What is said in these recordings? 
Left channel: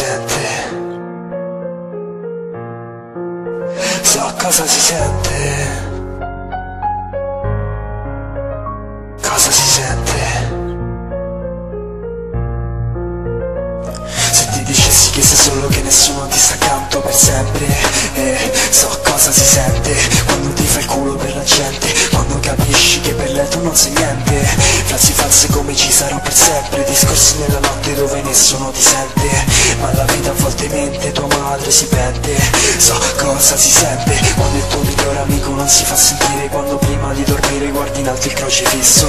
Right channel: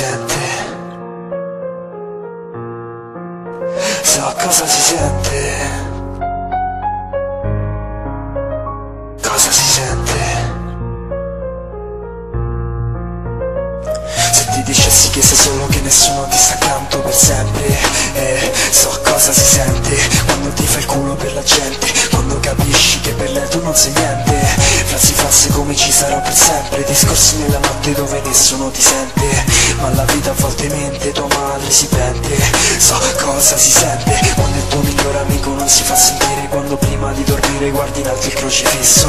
sente, so cosa si sente, cosa si sente. Se ti dicessi che sei solo, che nessuno ti sta accanto per sempre, so cosa si sente quando ti fai il culo per la gente, quando capisci che per lei tu non sei niente. Frasi false come ci sarò per sempre, discorsi nella notte dove nessuno ti sente, ma la vita a volte mente, tua madre si pente. So cosa si sente quando il tuo migliore amico non si fa sentire, quando prima di dormire guardi in alto il crocifisso,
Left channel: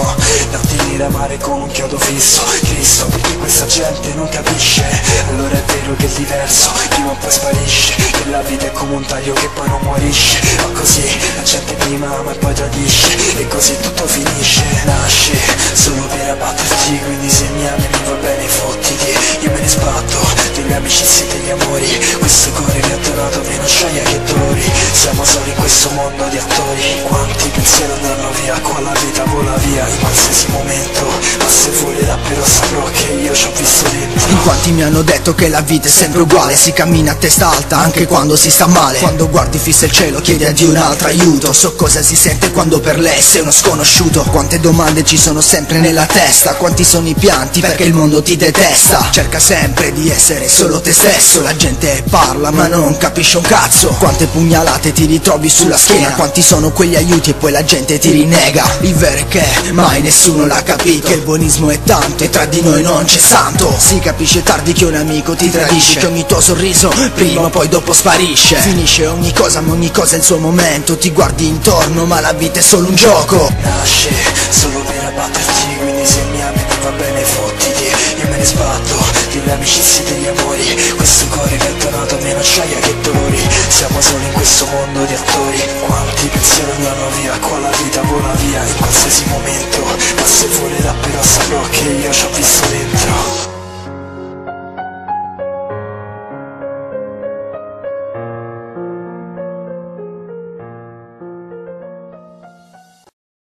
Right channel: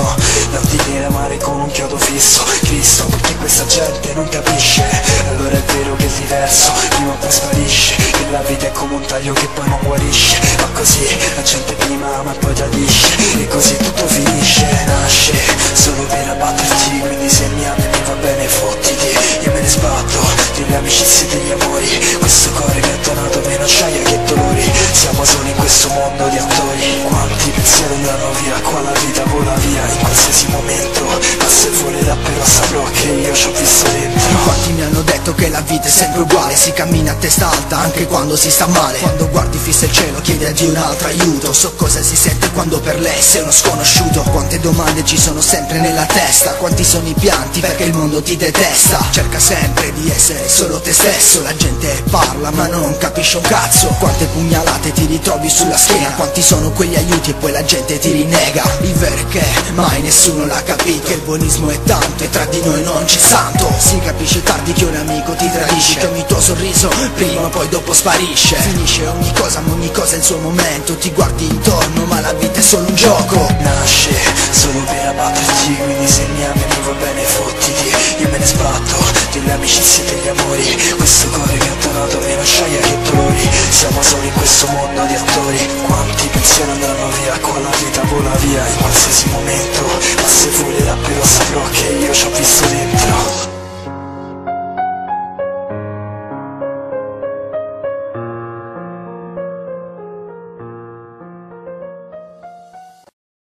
notti nere amare con un chiodo fisso. Cristo, perché questa gente non capisce, allora è vero che è diverso, prima o poi sparisce, che la vita è come un taglio che poi non guarisce. Ma così la gente prima ama e poi tradisce, e così tutto finisce. Nasce solo per abbatterti, quindi se mi ami mi va bene, fottiti, io me ne sbatto delle amicizie e degli amori. Questo cuore mi ha donato meno acciaia che dolori, siamo soli in questo mondo di attori. Quanti pensieri andranno via, qua la vita vola via in qualsiasi momento, ma se volerà però saprò che io ci ho visto dentro. In quanti mi hanno detto che la vita è sempre uguale, si cammina a testa alta anche quando si sta male, quando guardi fissa il cielo chiedi a Dio un altro aiuto. So cosa si sente quando per lei sei uno sconosciuto, quante domande ci sono sempre nella testa, quanti sono i pianti perché il mondo ti detesta. Cerca sempre di essere solo te stesso, la gente parla ma non capisce un cazzo, quante pugnalate ti ritrovi sulla schiena, quanti sono quegli aiuti e poi la gente ti rinnega. Il vero è che mai nessuno l'ha capito, che il buonismo è tanto e tra di noi non c'è santo. Si capisce tardi che un amico ti tradisce, che ogni tuo sorriso prima o poi dopo sparisce. Finisce ogni cosa ma ogni cosa ha il suo momento, ti guardi intorno ma la vita è solo un gioco. Nasce solo per abbatterti, quindi se mi ami mi va bene, fottiti, io me ne sbatto delle amicizie e degli amori. Questo cuore che ha donato meno acciaia che dolori, siamo soli in questo mondo di attori. Quanti pensieri andranno via, qua la vita vola via in qualsiasi momento, ma se volerà però saprò che io ci ho visto dentro.